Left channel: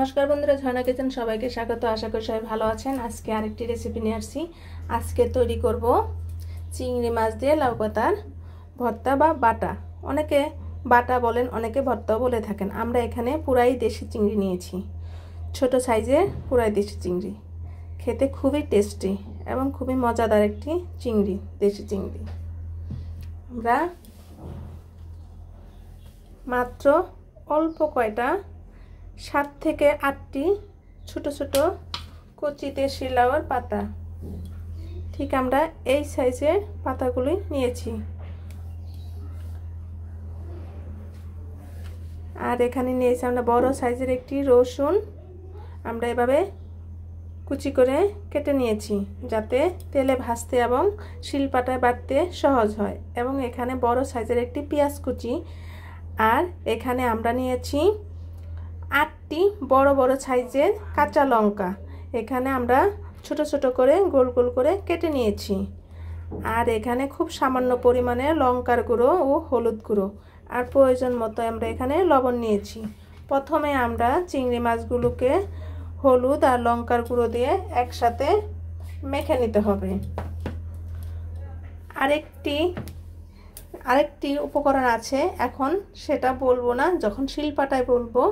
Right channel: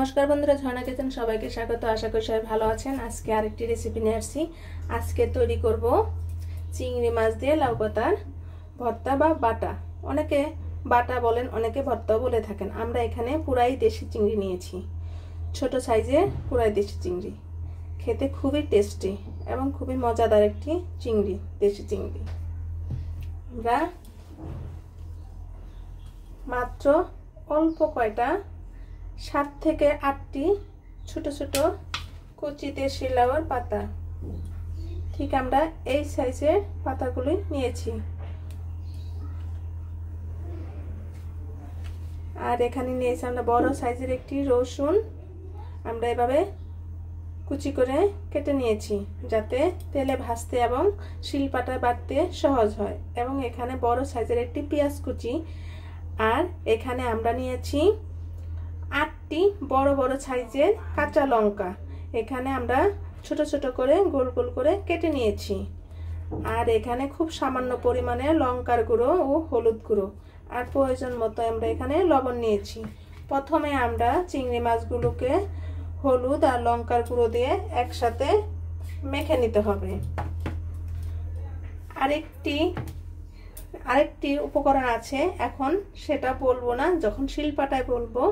नमस्कार बंधुरा झर्णा किचेन सबाइके स्वागत। आशा करी सबाई भालो आछेन। आजके आरेकटी रेसिपि निये आसछि। आजके तैरि करब चिंगड़ी माछ दिये लाउ पातार भर्ता बा बाटा। अनेके बाटा बोलेन, अनेके भर्ताओ बोले थाकेन। आमरा एखाने पुराई देशी चिंगड़ी नियेछि, छोटो साइजेर पुराई देशी चिंगड़ी। खेते खूबई टेस्टी एवं खूबई मजादार एकटी चिंगड़ी, देशी चिंगड़ी। आमरा मात्र अल्प कयटा 7 থেকে 8টি ছোট ছোট কচি দেশি লাউয়ের পাতা, ঠিক আমরা এই সাইজের পাতাগুলি নিয়েছি। আর এখানে নিয়েছি আমরা বড় সাইজের একটি রসুন। আমরা এভাবে কুচি করে কেটে নিয়েছি যাতে তেলে ভাজতে এবং শিলপাটায় বাটতে সহজ হয়। এবং এখানে বড় সাইজের একটি পেঁয়াজ কুচি। আর এখানে আমরা নিয়েছি 8টি বড় বড় সাইজের কাঁচা লঙ্কা। এখানে আমরা ছোট ছোট করে গোল গোল করে কেটে নিয়েছি। আর এখানে খুব সামান্য পরিমাণে লঙ্কার গুঁড়ো ও হলুদ গুঁড়ো আর প্রয়োজন মতো আমরা এখানে লবণ নিয়েছি। প্রথমে আমরা চিংড়ি মাছগুলোকে হলুদ আর লঙ্কার গুঁড়ো দিয়ে একসাথে মেখে নিতে হবে। আরেকটি উপকরণ আছে, এখন সেটা বলবো না, যখন শিলপাটায় বলবো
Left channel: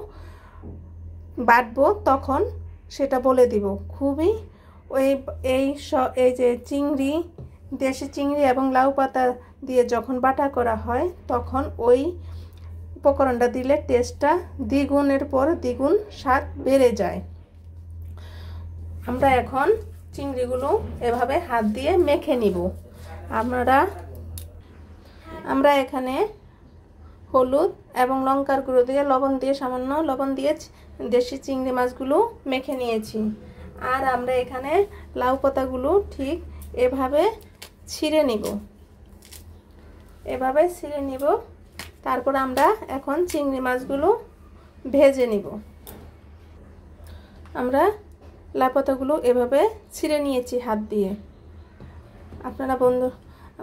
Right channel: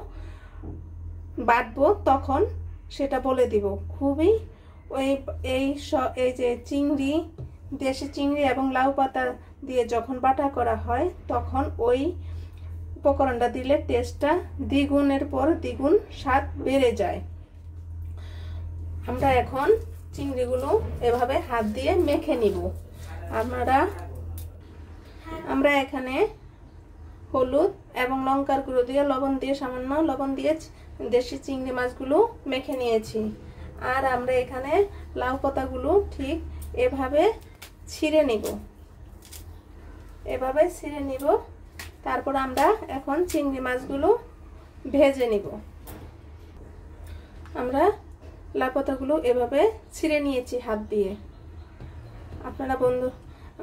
বাটবো তখন সেটা বলে দিব। খুবই এই যে চিংড়ি, দেশি চিংড়ি এবং লাউ পাতা দিয়ে যখন বাটা করা হয় তখন ওই উপকরণটা দিলে টেস্টটা দ্বিগুণের পর দ্বিগুণ স্বাদ বেড়ে যায়। আমরা এখন চিংড়িগুলো এভাবে হাত দিয়ে মেখে নিব। আমরা এখানে হলুদ এবং লঙ্কার গুঁড়ো দিয়ে লবণ দিয়ে সামান্য লবণ দিয়ে দেশি চিংড়ি মাছগুলো মেখে নিয়েছি। আর আমরা এখানে লাউ পাতাগুলো ঠিক এভাবে ছিঁড়ে নিব। তারপর আমরা এখন চিংড়ি মাছগুলো ভেজে নিব। আমরা লাউ পাতাগুলো এভাবে ছিঁড়ে নিয়েছি হাত দিয়ে।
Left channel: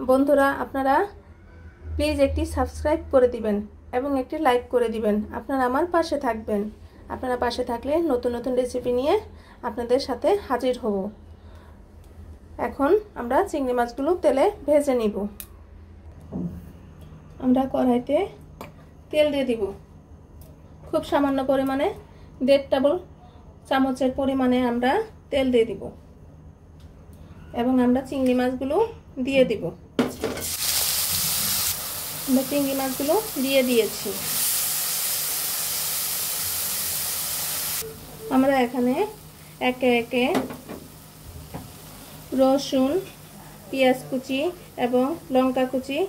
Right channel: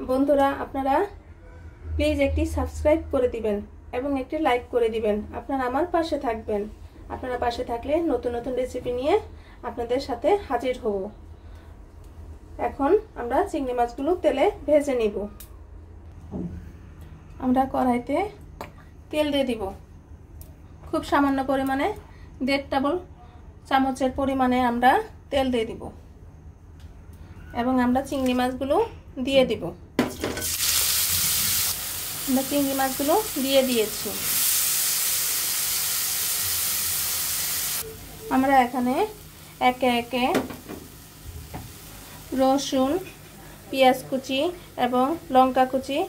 বন্ধুরা আপনারা প্লিজ একটি সাবস্ক্রাইব করে দিবেন এবং একটি লাইক করে দিবেন। আপনারা আমার পাশে থাকবেন। আপনারা পাশে থাকলে নতুন নতুন রেসিপি নিয়ে আপনাদের সাথে হাজির হব। এখন আমরা চিংড়ি মাছগুলো তেলে ভেজে নিব। আমরা কড়াইতে তেল দিয়ে দিব। খুব সামান্য পরিমাণে 1.5 টেবিল চামচের পরিমাণে আমরা তেল দিয়ে দিব এবং আমরা চিংড়ি মাছগুলো দিয়ে দিব। আমরা চিংড়ি মাছগুলো দিয়ে দিয়েছি। আমরা এখানে একে একে রসুন, পেঁয়াজ কুচি এবং লঙ্কা কুচি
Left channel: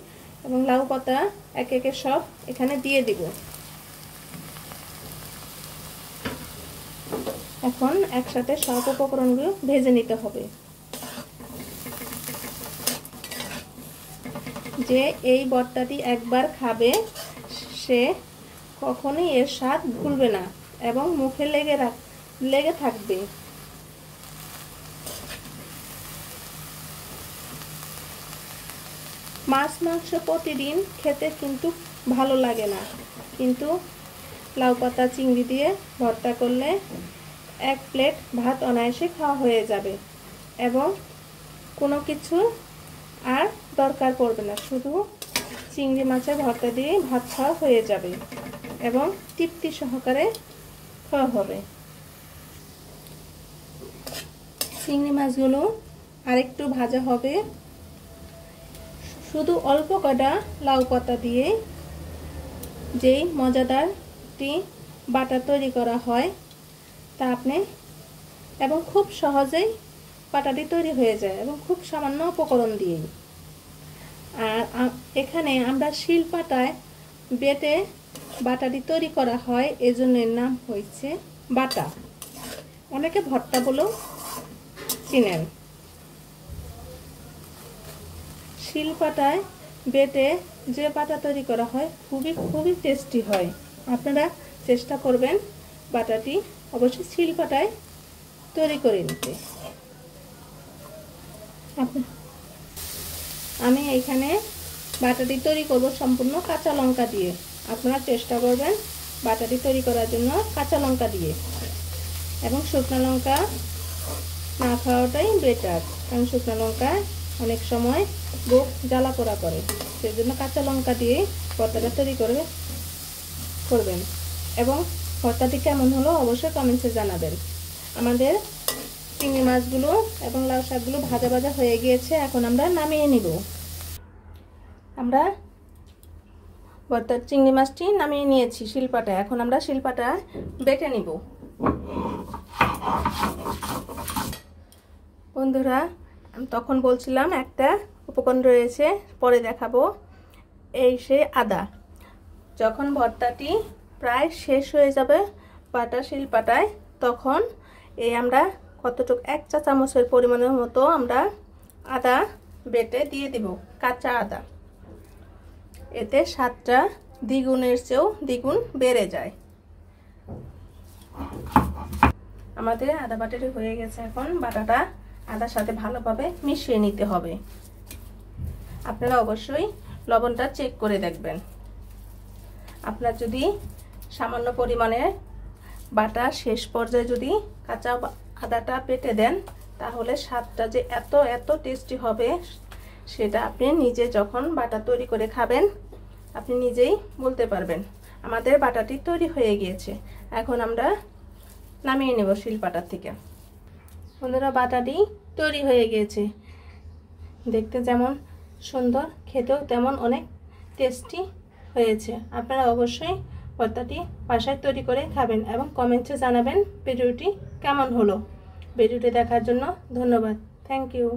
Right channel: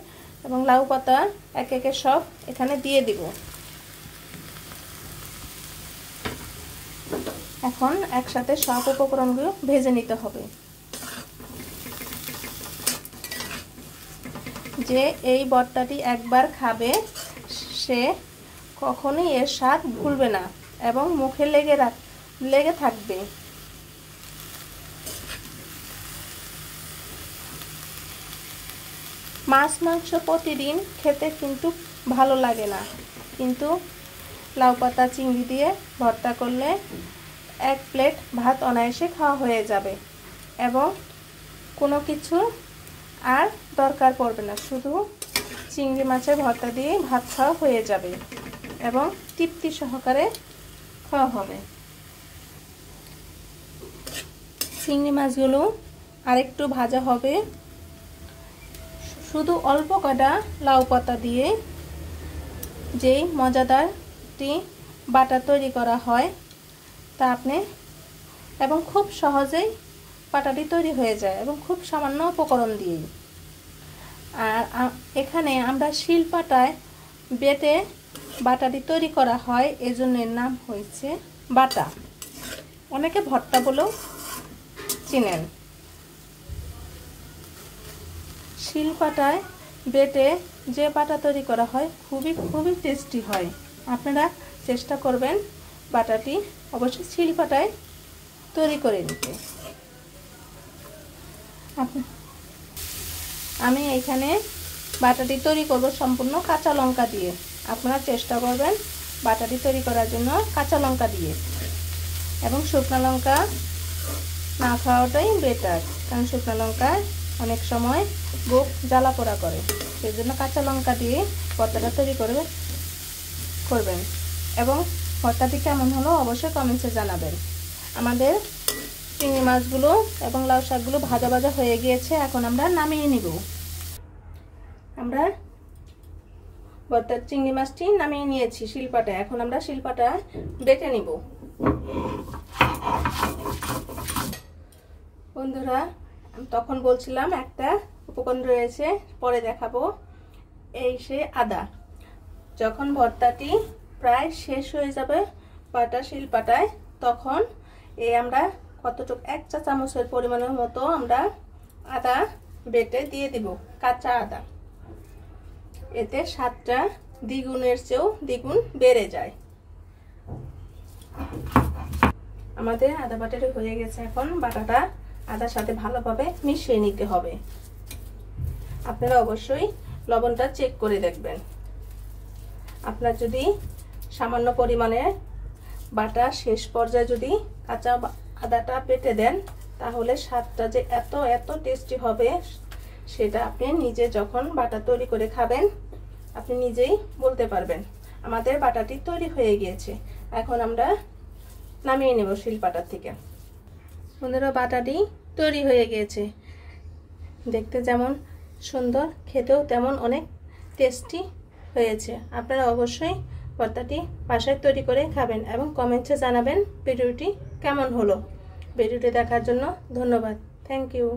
এবং লাউ পাতা একে একে সব এখানে দিয়ে দিব। এখন একসাথে সব উপকরণগুলো ভেজে নিতে হবে। যে এই ভর্তাটি একবার খাবে সে কখনোই এর স্বাদ ভুলবে না এবং মুখে লেগে থাকবে। মাছ মাংস প্রতিদিন খেতে কিন্তু ভালো লাগে না, কিন্তু লাউ পাতা চিংড়ি দিয়ে ভর্তা করলে 1 প্লেট ভাত অনায়াসে খাওয়া হয়ে যাবে এবং কোনো কিছু আর দরকার পড়বে না। শুধু চিংড়ি মাছের ভর্তা দিয়ে ভাত খাওয়া হয়ে যাবে এবং তৃপ্তি সহকারে খাওয়া হবে। চিংড়ি মাছগুলো আরেকটু ভাজা হবে। শুধু অল্প কটা লাউ পাতা দিয়ে যেই মজাদারটি বাটা তৈরি করা হয় তা আপনি এবং খুব সহজেই বাটাটি তৈরি হয়ে যায় এবং খুব সামান্য উপকরণ দিয়ে। আর এখানে আমরা শিলপাটায় বেটে বাটাটি তৈরি করা হয়, এজন্য এর নাম হয়েছে বাটা। অনেকে ভর্তা বলেও চিনেন। শিলপাটায় বেটে যে বাটা তৈরি করা হয় খুবই টেস্টি হয়। আপনারা চেষ্টা করবেন বাটাটি অবশ্যই শিলপাটায় তৈরি করে নিতে। আমি এখানে বাটাটি তৈরি করব সম্পূর্ণ কাঁচা লঙ্কা দিয়ে। আপনারা চেষ্টা করবেন বাটাটি তৈরি করার জন্য কাঁচা লঙ্কা দিয়ে। এবং শুকনো লঙ্কা না খাওয়াটাই বেটার, কারণ শুকনো লঙ্কা অনেক সময় বুক জ্বালা পোড়া করে। সেজন্য কাঁচা লঙ্কা দিয়ে ভর্তাটা তৈরি করবেন। এবং ভর্তাটি কেমন হলো অবশ্যই কমেন্টসে জানাবেন। আমাদের চিংড়ি মাছগুলো এবং লাউ শাকগুলো ভাজা ভাজা হয়ে গিয়েছে, এখন আমরা নামিয়ে নিব। আমরা ভর্তার চিংড়ি মাছটি নামিয়ে নিয়েছি শিলপাটায়, এখন আমরা শিলপাটা বেটে নিব। বন্ধুরা, তখন বলছিলাম একটা উপকরণ রয়েছে, পরে দেখাবো। এই সে আদা। যখন ভর্তাটি প্রায় শেষ হয়ে যাবে শিলপাটায়, তখন এই আমরা কতটুকু 1 চা চামচের পরিমাণের মতো আমরা আদা বেটে দিয়ে দিব, কাঁচা আদা। এতে স্বাদটা দ্বিগুণের চেয়েও দ্বিগুণ বেড়ে যায়। আমাদের আদা বাটাটা হয়ে গেছে, এখন বাটাটা আদার সাথে ভালোভাবে মিশিয়ে নিতে হবে। আপনারা অবশ্যই লবণটা চেক করে দেখবেন। আপনার যদি সামান্য পরিমাণে বাটা শেষ পর্যায়ে যদি কাঁচা আদাটা বেটে দেন, তাহলে স্বাদটা যে এত টেস্টি হবে সেটা আপনি নিজে যখন বাটা তৈরি করে খাবেন আপনি নিজেই বলতে পারবেন। আমাদের বাটাটি তৈরি হয়ে গিয়েছে, এখন আমরা নামিয়ে নেব শিলপাটার থেকে। বন্ধুরা, বাটাটি তৈরি হয়ে গিয়েছে, দেখতে যেমন সুন্দর, খেতেও তেমন অনেক টেস্টি হয়েছে। আপনারা অবশ্যই ভর্তাটি বাসায় তৈরি করে খাবেন এবং কমেন্টে জানাবেন ভিডিওটি কেমন হলো। ভিডিওটি দেখার জন্য ধন্যবাদ। Thank you.